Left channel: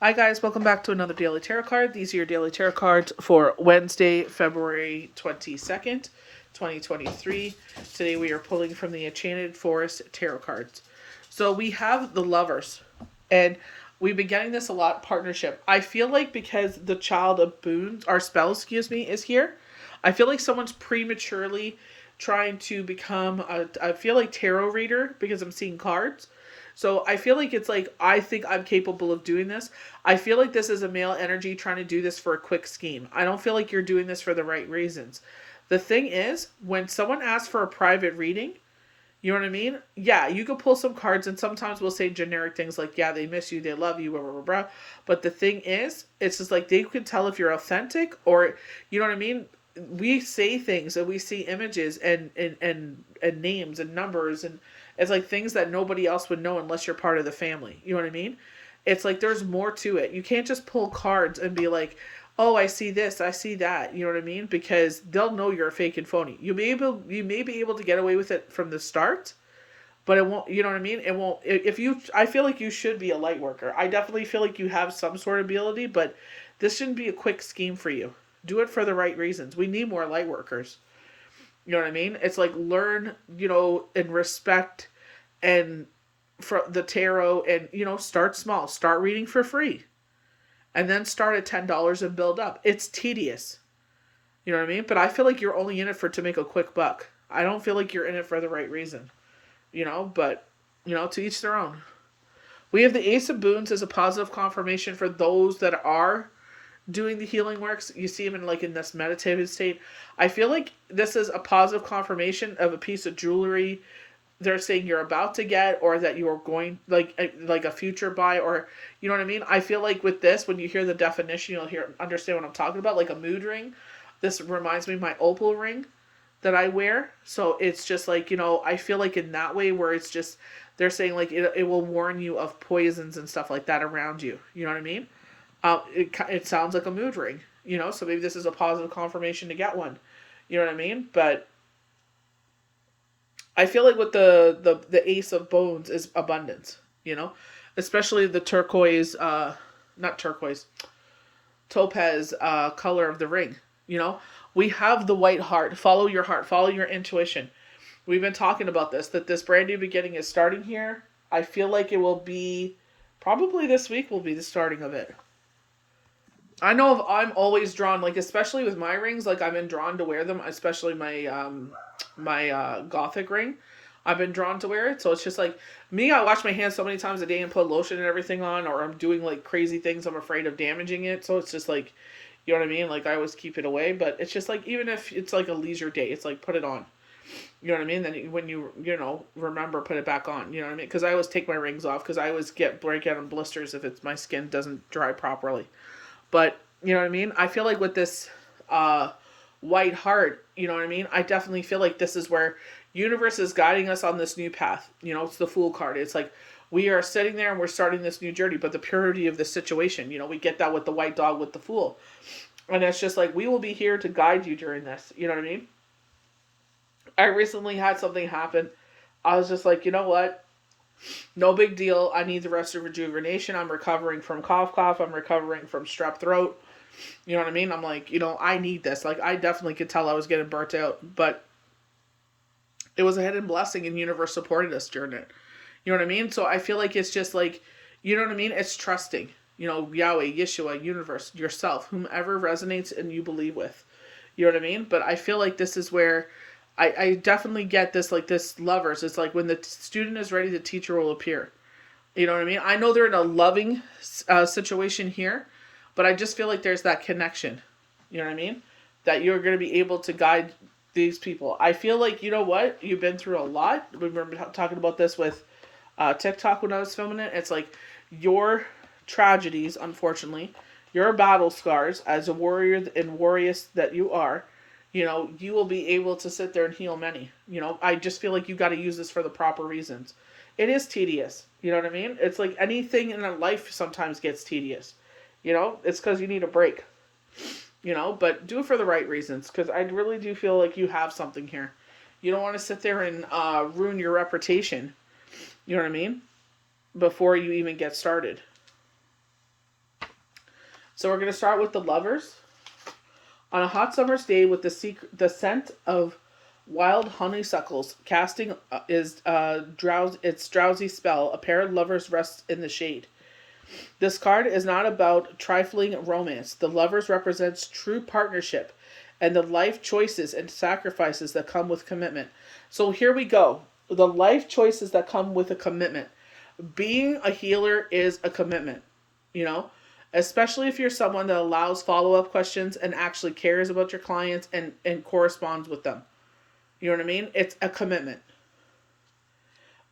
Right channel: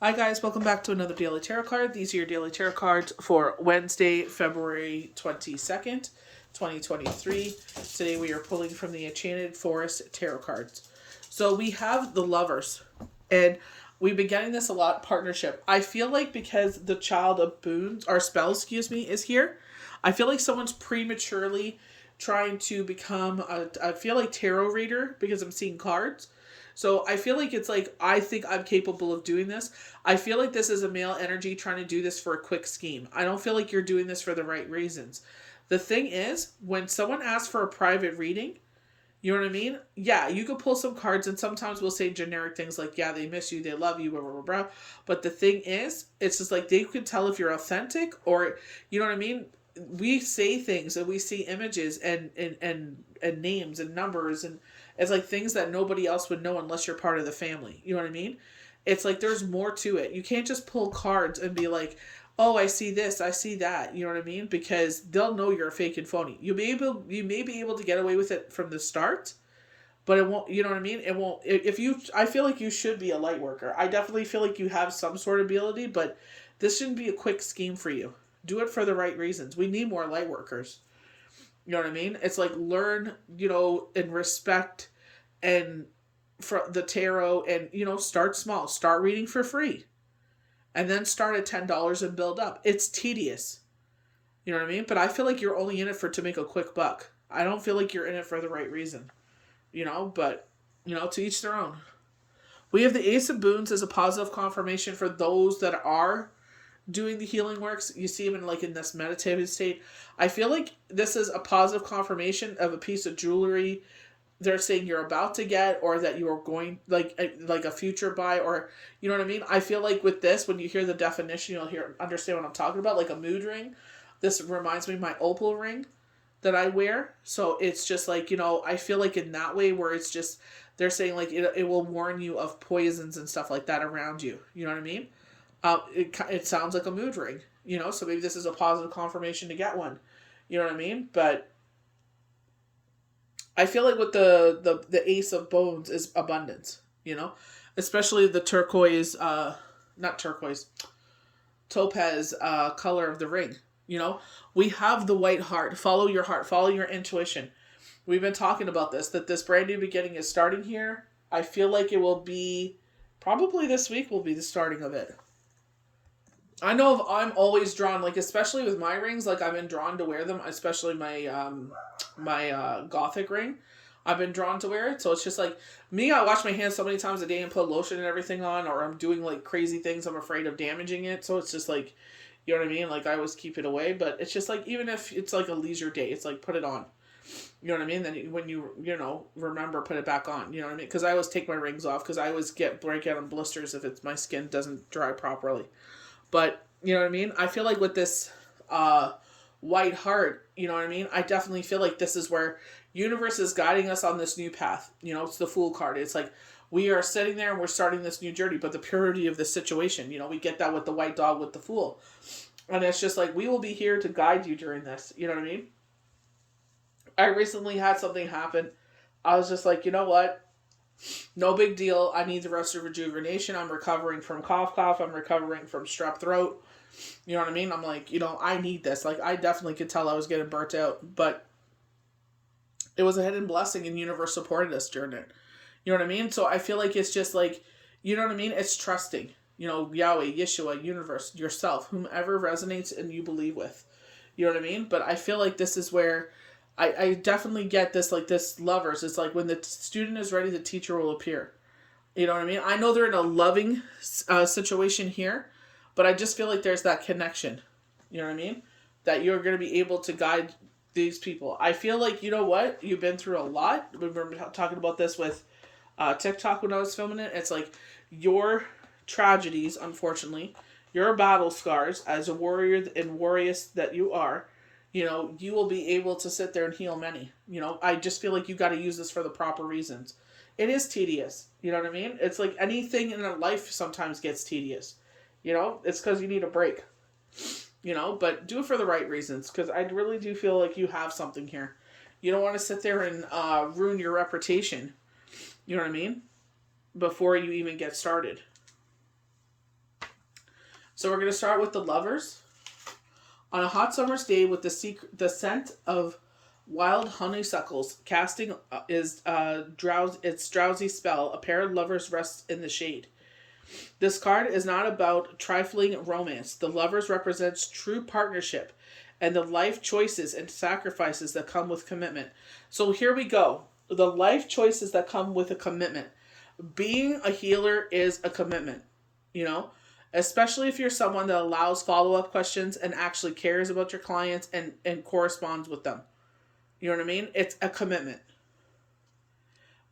Hi guys, welcome back to another daily tarot card. These are your daily tarot cards for Wednesday, February 22nd, 2023. Today we are pulling from the Enchanted Forest tarot cards. So we have the Lovers, and we've been getting this a lot, partnership. I feel like because the Child of Boons, or Spells, is here, I feel like someone's prematurely trying to become I feel like tarot reader because I'm seeing cards. So I feel like it's like, I think I'm capable of doing this. I feel like this is a male energy trying to do this for a quick scheme. I don't feel like you're doing this for the right reasons. The thing is, when someone asks for a private reading, you know what I mean? Yeah, you can pull some cards, and sometimes we'll say generic things like, yeah, they miss you, they love you, blah, blah, blah, blah. But the thing is, it's just like they can tell if you're authentic or, you know what I mean? We say things and we see images and names and numbers, and it's like things that nobody else would know unless you're part of the family. You know what I mean? It's like there's more to it. You can't just pull cards and be like, oh, I see this, I see that. You know what I mean? Because they'll know you're a fake and phony. You may be able to get away with it from the start, but it won't. You know what I mean? It won't. If you, I feel like you should be a light worker. I definitely feel like you have some sort of ability, but this shouldn't be a quick scheme for you. Do it for the right reasons. We need more light workers. You know what I mean? It's like learn, and respect and for the tarot, and start small. Start reading for free and then start at $10 and build up. It's tedious. You know what I mean? But I feel like you're only in it for to make a quick buck. I don't feel like you're in it for the right reason. But to each their own. We have the Ace of Boons as a positive confirmation for those that are doing the healing works. You see him in this meditative state. I feel like this is a positive confirmation of a piece of jewelry they're saying you're about to get, or that you're going like a future buy, or you know what I mean. I feel like with this, when you hear the definition, you'll understand what I'm talking about, like a mood ring. This reminds me of my opal ring that I wear. So it's just like, I feel like in that way where it's just they're saying like it will warn you of poisons and stuff like that around you. You know what I mean? It sounds like a mood ring. So maybe this is a positive confirmation to get one. You know what I mean? But I feel like with the Ace of Bones is abundance, especially the turquoise, not turquoise, topaz color of the ring. We have the white heart. Follow your heart, follow your intuition. We've been talking about this, that this brand new beginning is starting here. I feel like it will be, probably this week will be the starting of it. I know I'm always drawn, like especially with my rings, like I've been drawn to wear them, especially my gothic ring. I've been drawn to wear it, so it's just like me. I wash my hands so many times a day and put lotion and everything on, or I'm doing like crazy things. I'm afraid of damaging it, so it's just like, you know what I mean. Like I always keep it away, but it's just like even if it's like a leisure day, it's like put it on. You know what I mean? Then when you remember, put it back on. You know what I mean? Because I always take my rings off because I always break out in blisters if it's my skin doesn't dry properly. But you know what I mean? I feel like with this white heart, you know what I mean? I definitely feel like this is where universe is guiding us on this new path. It's the Fool card. It's like we are sitting there and we're starting this new journey, but the purity of the situation, we get that with the white dog with the Fool. And it's just like we will be here to guide you during this. You know what I mean? I recently had something happen. I was just like, you know what? No big deal. I need the rest of rejuvenation. I'm recovering from cough. I'm recovering from strep throat. You know what I mean? I'm like, I need this. Like, I definitely could tell I was getting burnt out, but it was a hidden blessing, and universe supported us during it. You know what I mean? So I feel like it's just like, you know what I mean? It's trusting. Yahweh, Yeshua, universe, yourself, whomever resonates and you believe with. You know what I mean? But I feel like this is where I definitely get this, like this lovers. It's like when the student is ready, the teacher will appear. You know what I mean? I know they're in a loving situation here, but I just feel like there's that connection. You know what I mean? That you're going to be able to guide these people. I feel like, you know what? You've been through a lot. We were talking about this with TikTok when I was filming it. It's like your tragedies, unfortunately, your battle scars as a warrior and warriors that you are, you will be able to sit there and heal many. I just feel like you got to use this for the proper reasons. It is tedious. You know what I mean? It's like anything in life sometimes gets tedious. It's because you need a break. But do it for the right reasons, because I really do feel like you have something here. You don't want to sit there and ruin your reputation. You know what I mean? Before you even get started. So we're going to start with the Lovers. On a hot summer's day with the scent of wild honeysuckles casting its drowsy spell, a pair of lovers rests in the shade. This card is not about trifling romance. The Lovers represents true partnership and the life choices and sacrifices that come with commitment. So here we go. The life choices that come with a commitment. Being a healer is a commitment, you know, especially if you're someone that allows follow-up questions and actually cares about your clients and corresponds with them. You know what I mean? It's a commitment.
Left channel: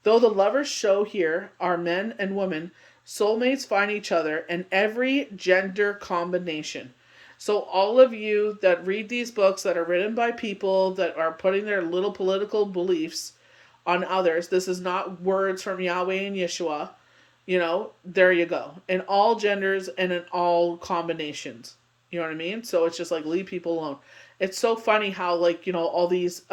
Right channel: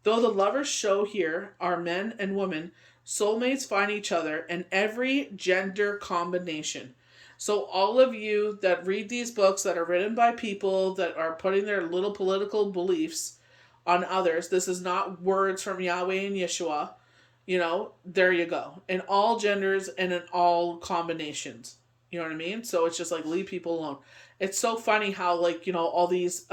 Though the Lovers show here are men and women, soulmates find each other in every gender combination. So all of you that read these books that are written by people that are putting their little political beliefs on others, this is not words from Yahweh and Yeshua. You know, there you go. In all genders and in all combinations. You know what I mean? So it's just like, leave people alone. It's so funny how, like, you know, all these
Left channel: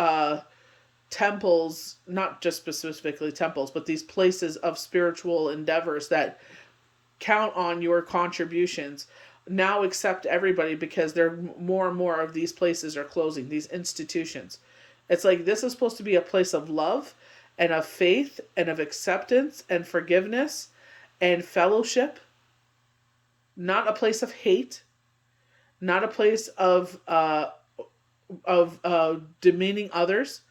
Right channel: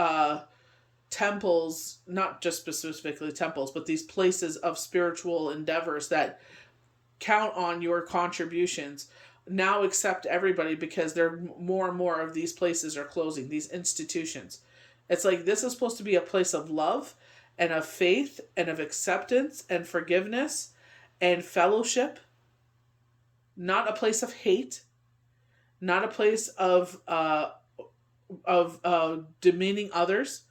temples, not just specifically temples, but these places of spiritual endeavors that count on your contributions now accept everybody because there more and more of these places are closing, these institutions. It's like, this is supposed to be a place of love and of faith and of acceptance and forgiveness and fellowship, not a place of hate, not a place of demeaning others.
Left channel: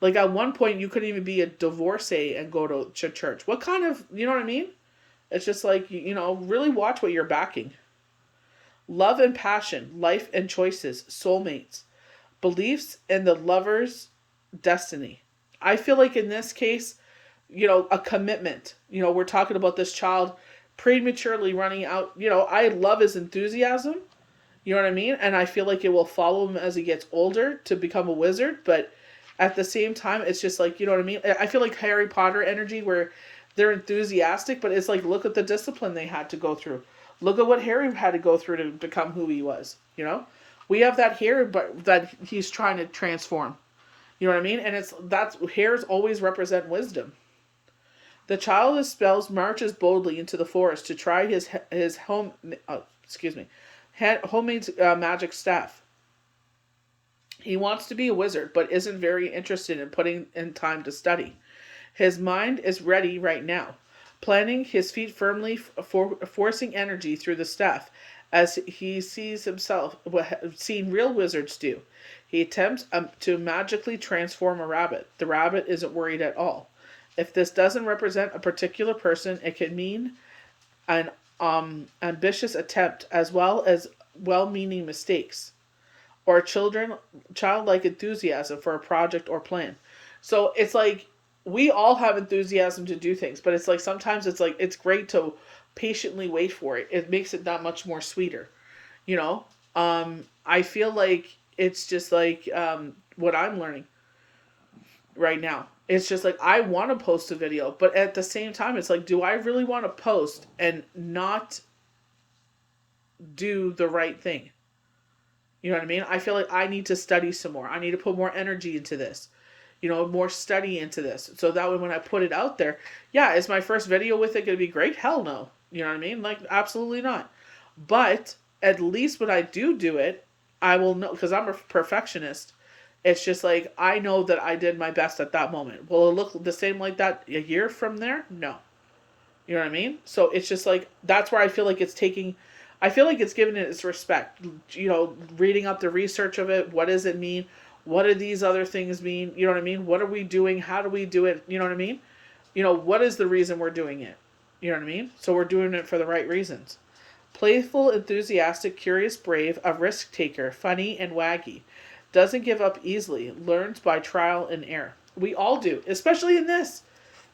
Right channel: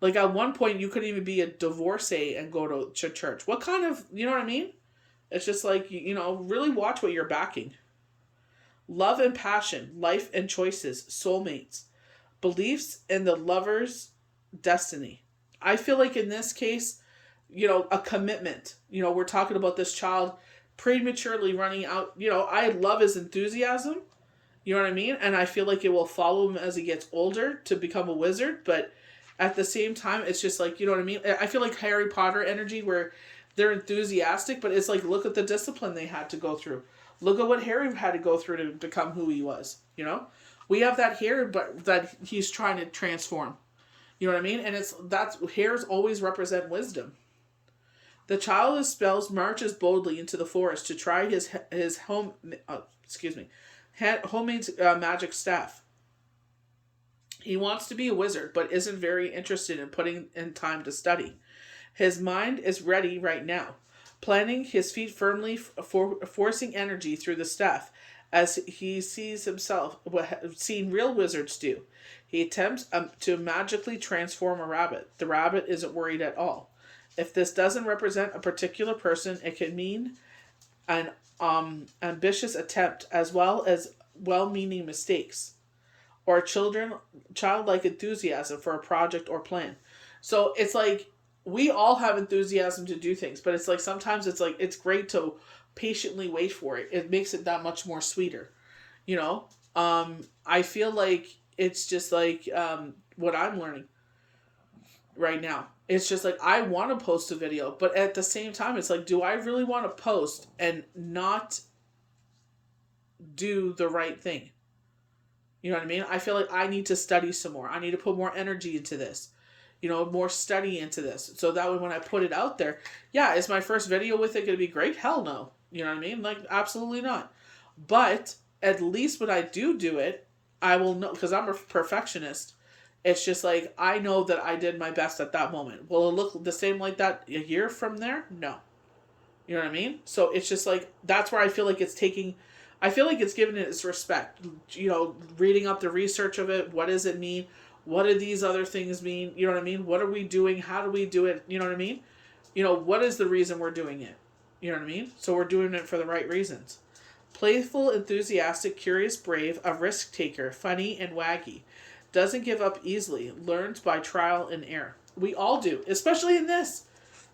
Like, at one point you couldn't even be a divorcee and go to church. What kind of, you know what I mean? It's just like, you know, really watch what you're backing. Love and passion, life and choices, soulmates, beliefs in the Lover's destiny. I feel like in this case, you know, a commitment. You know, we're talking about this child prematurely running out. You know, I love his enthusiasm. You know what I mean? And I feel like it will follow him as he gets older to become a wizard. But at the same time, it's just like, you know what I mean? I feel like Harry Potter energy where they're enthusiastic, but it's like, look at the discipline they had to go through. Look at what Harry had to go through to become who he was, you know? We have that Harry, but that he's trying to transform. You know what I mean? And hairs always represent wisdom. The child of spells marches boldly into the forest to try his homemade magic staff. He wants to be a wizard, but isn't very interested in putting in time to study. His mind is ready right now, planting his feet firmly, forcing energy through the staff, as he sees himself what seen real wizards do. He attempts to magically transform a rabbit. The rabbit isn't worried at all. If this doesn't represent a particular person, it can mean an ambitious attempt as well as well-meaning mistakes or childlike enthusiasm for a project or plan. So it's like, we all have enthusiasm to do things, but it's like, sometimes it's like, it's great to patiently wait for it. It makes it that much more sweeter, you know? I feel like it's just like what I'm learning right now. It's just like, I want to post a video, but at the same time, it's like, do I really want to post and not do the right thing? You know what I mean? I feel like I need to study some more. I need to put more energy into this. You know, more study into this. So that way when I put it out there, yeah, is my first video with it going to be great? Hell no. You know what I mean? Like, absolutely not. But at least when I do it, I will know, because I'm a perfectionist. It's just like, I know that I did my best at that moment. Will it look the same like that a year from there? No. You know what I mean? So it's just like, that's where I feel like it's giving it its respect. You know, reading up the research of it. What does it mean? What do these other things mean? You know what I mean? What are we doing? How do we do it? You know what I mean? You know, what is the reason we're doing it? You know what I mean? So we're doing it for the right reasons. Playful, enthusiastic, curious, brave, a risk taker, funny and waggy. Doesn't give up easily. Learns by trial and error. We all do, especially in this.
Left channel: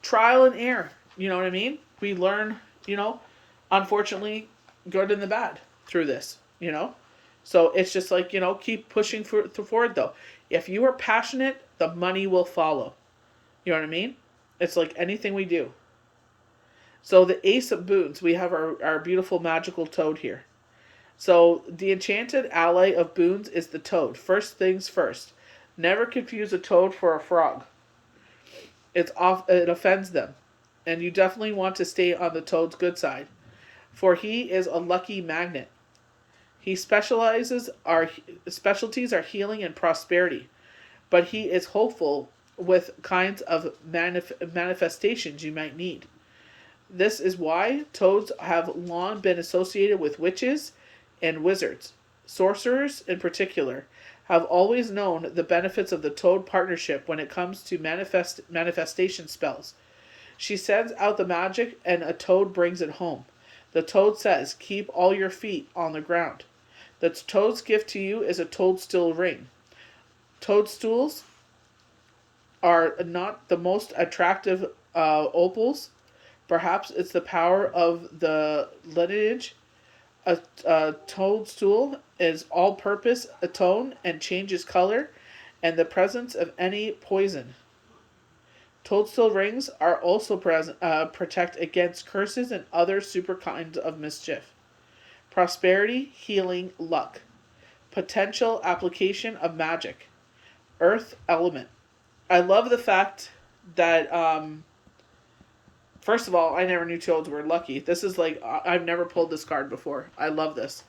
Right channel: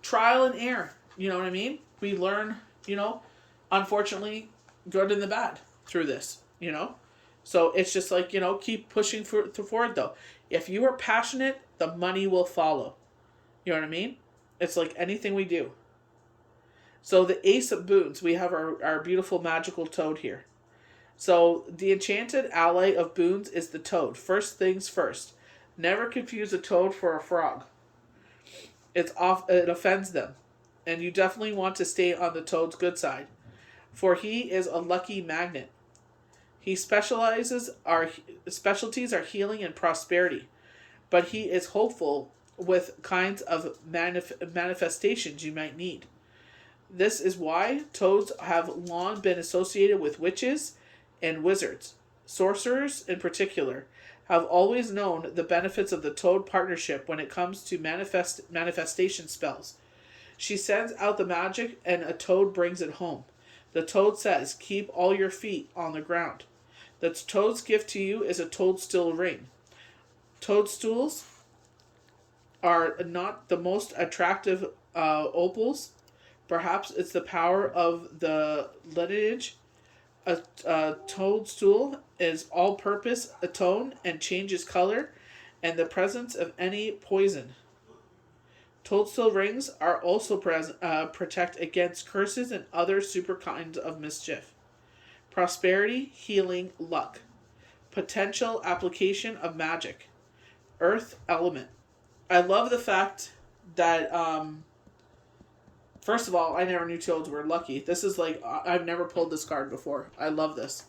Trial and error. You know what I mean? We learn, you know, unfortunately, good and the bad through this, you know? So it's just like, you know, keep pushing forward though. If you are passionate, the money will follow. You know what I mean? It's like anything we do. So the Ace of Boons, we have our beautiful magical toad here. So the enchanted ally of boons is the toad. First things first. Never confuse a toad for a frog. It offends them. And you definitely want to stay on the toad's good side. For he is a lucky magnet. He specialties are healing and prosperity, but he is hopeful with kinds of manifestations you might need. This is why toads have long been associated with witches and wizards. Sorcerers, in particular, have always known the benefits of the toad partnership when it comes to manifestation spells. She sends out the magic, and a toad brings it home. The toad says, "Keep all your feet on the ground." The toad's gift to you is a toadstool ring. Toadstools are not the most attractive opals. Perhaps it's the power of the lineage. A toadstool is all-purpose atone and changes color, and the presence of any poison. Toadstool rings are also protect against curses and other super kinds of mischief. Prosperity, healing, luck. Potential application of magic. Earth element. I love the fact that, first of all, I never knew toads were lucky. This is like, I've never pulled this card before. I love this.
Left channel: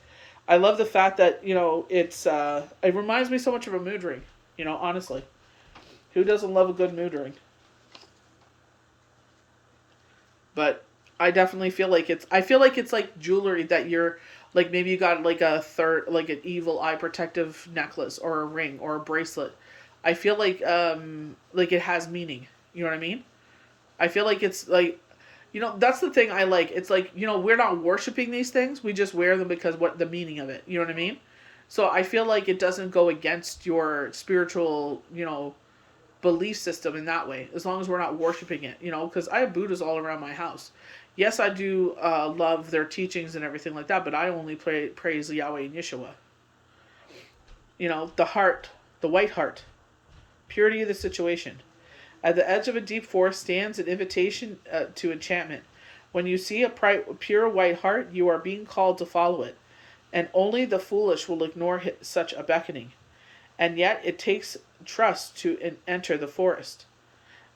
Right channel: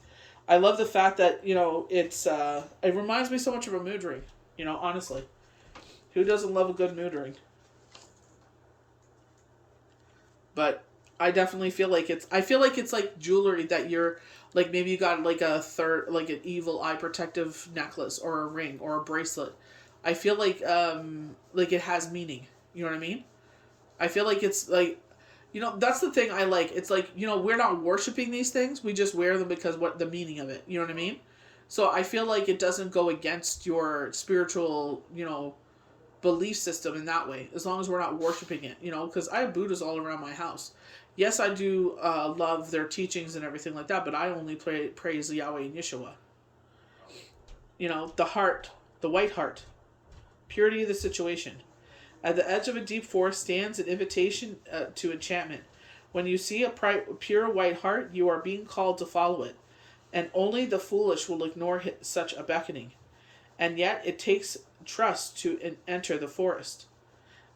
I love the fact that, it reminds me so much of a mood ring, honestly. Who doesn't love a good mood ring? But I definitely feel like it's like jewelry that you're, like maybe you got like like an evil eye protective necklace or a ring or a bracelet. I feel like it has meaning. You know what I mean? I feel like it's like, that's the thing I like. It's like, we're not worshiping these things. We just wear them because what the meaning of it. You know what I mean? So I feel like it doesn't go against your spiritual, belief system in that way, as long as we're not worshiping it, because I have Buddhas all around my house. Yes, I do love their teachings and everything like that, but I only praise Yahweh and Yeshua. The heart, the white heart, purity of the situation. At the edge of a deep forest stands an invitation to enchantment. When you see a pure white heart, you are being called to follow it, and only the foolish will ignore such a beckoning. And yet it takes trust to enter the forest,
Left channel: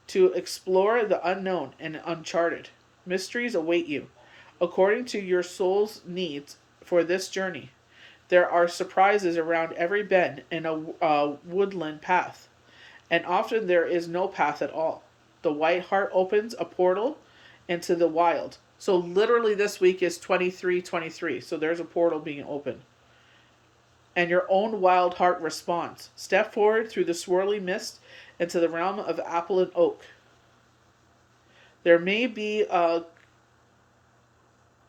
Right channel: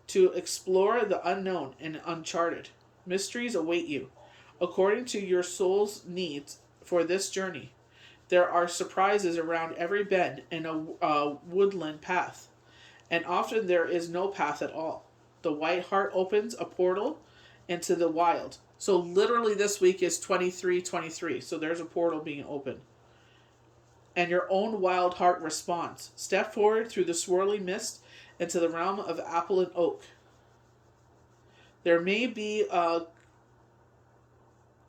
to explore the unknown and uncharted. Mysteries await you, according to your soul's needs for this journey. There are surprises around every bend and a woodland path, and often there is no path at all. The white heart opens a portal into the wild. So literally this week is 2323. So there's a portal being open. And your own wild heart responds. Step forward through the swirling mist into the realm of apple and oak. There may be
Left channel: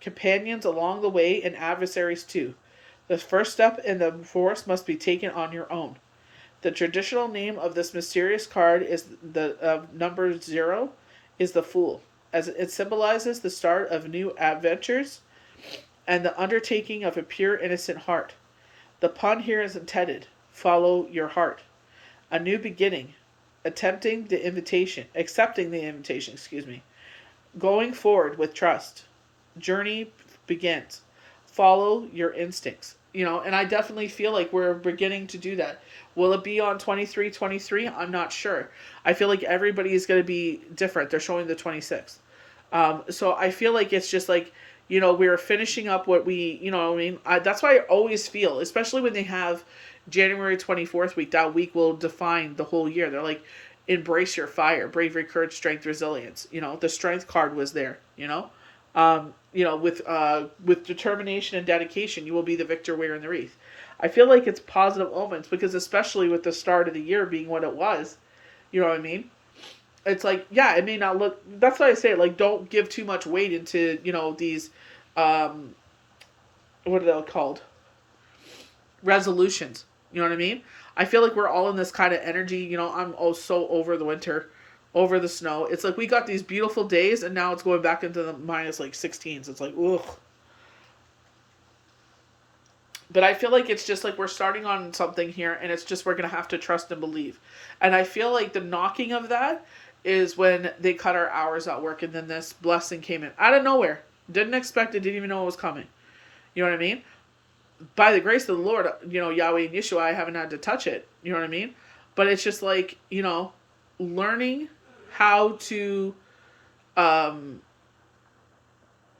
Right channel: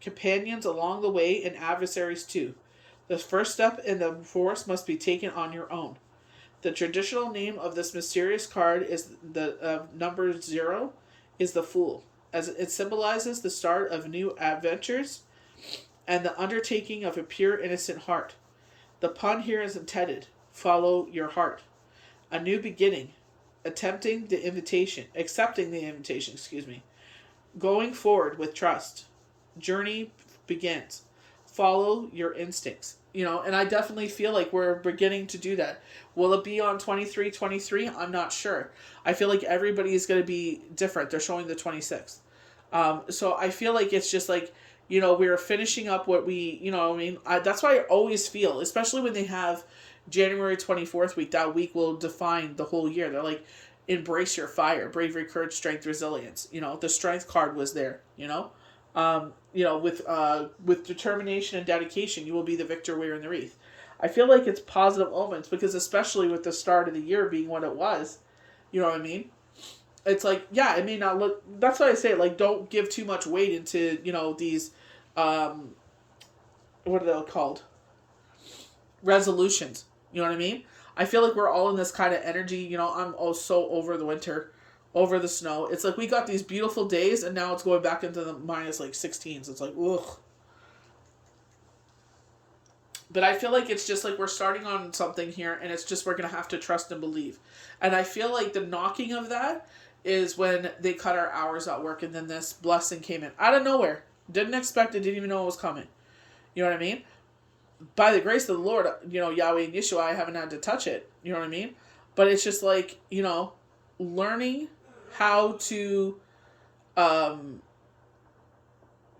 companions along the way and adversaries too. The first step in the forest must be taken on your own. The traditional name of this mysterious card is the number 0 is the Fool, as it symbolizes the start of new adventures and the undertaking of a pure, innocent heart. The pun here is intended. Follow your heart. A new beginning. Accepting the invitation, Going forward with trust. Journey begins. Follow your instincts. And I definitely feel like we're beginning to do that. Will it be on 2323? I'm not sure. I feel like everybody is going to be different. They're showing the 26th. So I feel like it's just like, we're finishing up what we, that's why I always feel, especially when they have January 24th week, that week will define the whole year. They're like, embrace your fire, bravery, courage, strength, resilience. The strength card was there, with determination and dedication, you will be the victor wearing the wreath. I feel like it's positive omens because especially with the start of the year being what it was, you know what I mean? It's like, yeah, it may not look, that's why I say, like, don't give too much weight into, these, what are they called? Resolutions. You know what I mean? I feel like we're all in this kind of energy, I'm so over the winter, over the snow. It's like we got these beautiful days and now it's going back into the minus like 16s. It's like, ugh. But I feel like it's just like we're starting on something here and it's just we're going to have to trust and believe. And I feel like the knocking of that is when they cut our hours at work and then this blessing came in out of nowhere. Didn't expect it, didn't even know it was coming. You know what I mean? By the grace of the Lord, Yahweh and Yeshua, I haven't had to touch it. You know what I mean? But it's just like, learning how to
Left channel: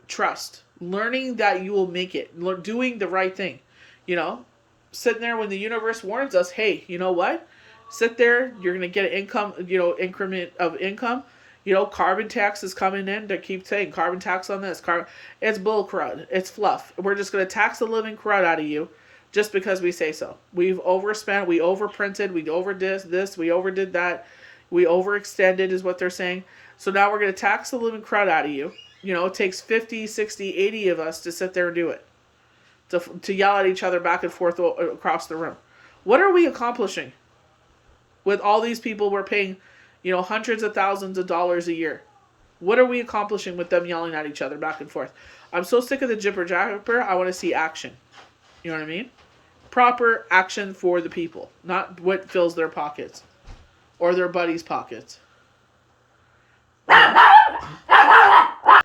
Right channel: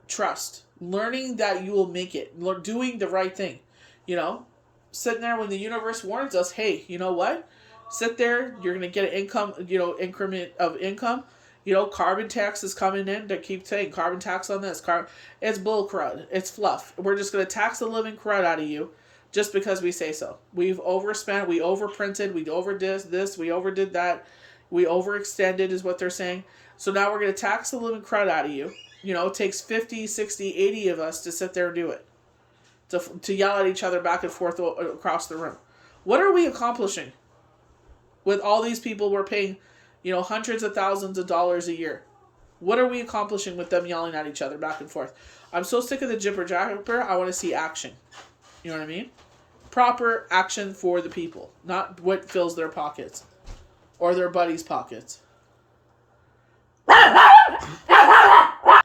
trust. Learning that you will make it. Doing the right thing. You know, sitting there when the universe warns us, hey, you know what? Sit there, you're going to get an income, increment of income. Carbon tax is coming in. They keep saying carbon tax on this. It's bull crud. It's fluff. We're just going to tax the living crud out of you just because we say so. We've overspent. We overprinted. We overdid this. We overdid that. We overextended is what they're saying. So now we're going to tax the living crud out of you. It takes 50, 60, 80 of us to sit there and do it. To yell at each other back and forth across the room. What are we accomplishing with all these people we're paying, hundreds of thousands of dollars a year? What are we accomplishing with them yelling at each other back and forth? I'm so sick of the jibber jabber. I want to see action. You know what I mean? Proper action for the people, not what fills their pockets or their buddies' pockets. I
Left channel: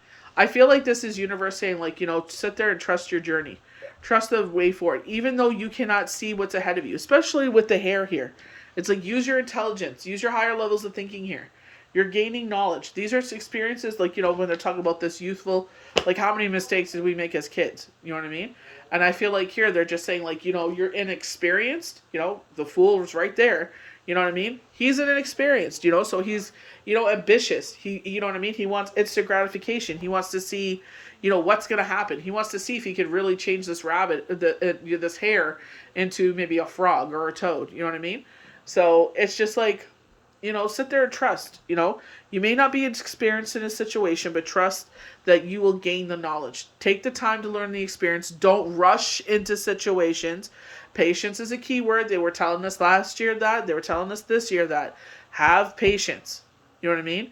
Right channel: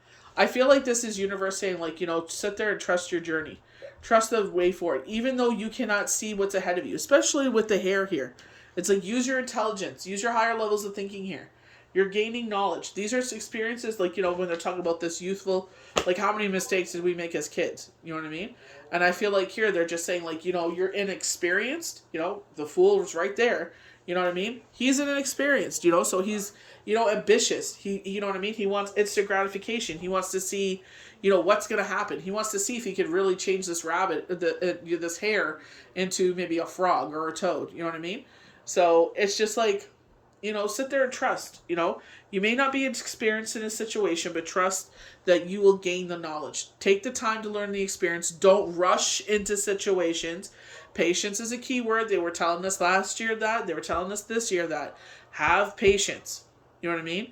feel like this is universe saying, sit there and trust your journey. Trust the way forward, even though you cannot see what's ahead of you, especially with the hair here. It's like, use your intelligence, use your higher levels of thinking here. You're gaining knowledge. These are experiences, when they're talking about this youthful, how many mistakes did we make as kids? You know what I mean? And I feel like here they're just saying, you're inexperienced. The fool is right there. You know what I mean? He's inexperienced, so he's, ambitious. He, you know what I mean? He wants instant gratification. He wants to see, what's going to happen. He wants to see if he could really change this this hair into maybe a frog or a toad. You know what I mean? So it's just sit there and trust. You may not be experienced in a situation, but trust that you will gain the knowledge. Take the time to learn the experience. Don't rush into situations. Patience is a key word. They were telling us last year that. They were telling us this year that. Have patience. You know what I mean?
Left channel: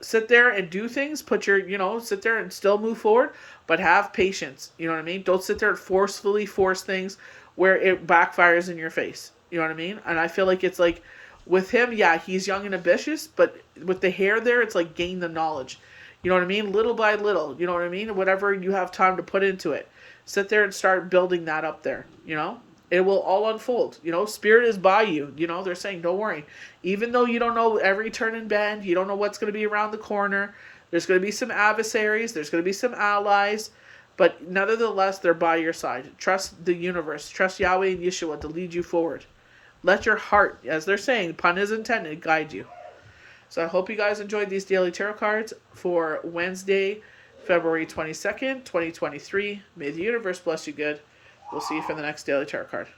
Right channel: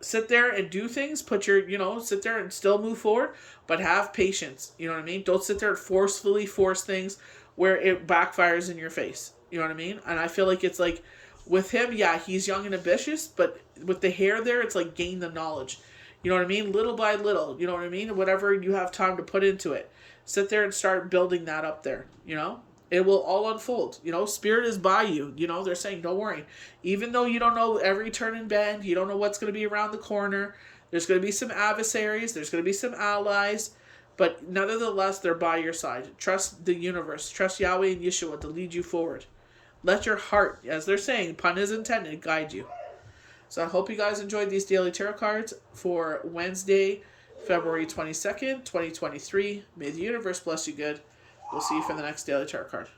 Sit there and do things. Sit there and still move forward, but have patience. You know what I mean? Don't sit there and forcefully force things where it backfires in your face. You know what I mean? And I feel like it's with him, yeah, he's young and ambitious, but with the hair there, it's gain the knowledge. You know what I mean? Little by little. You know what I mean? Whatever you have time to put into it. Sit there and start building that up there. It will all unfold. Spirit is by you. They're saying, don't worry. Even though you don't know every turn and bend, you don't know what's going to be around the corner. There's going to be some adversaries. There's going to be some allies. But nonetheless, they're by your side. Trust the universe. Trust Yahweh and Yeshua to lead you forward. Let your heart, as they're saying, pun is intended, guide you. So I hope you guys enjoyed these daily tarot cards for Wednesday, February 22nd, 2023. May the universe bless you good. We'll see you for the next daily tarot card.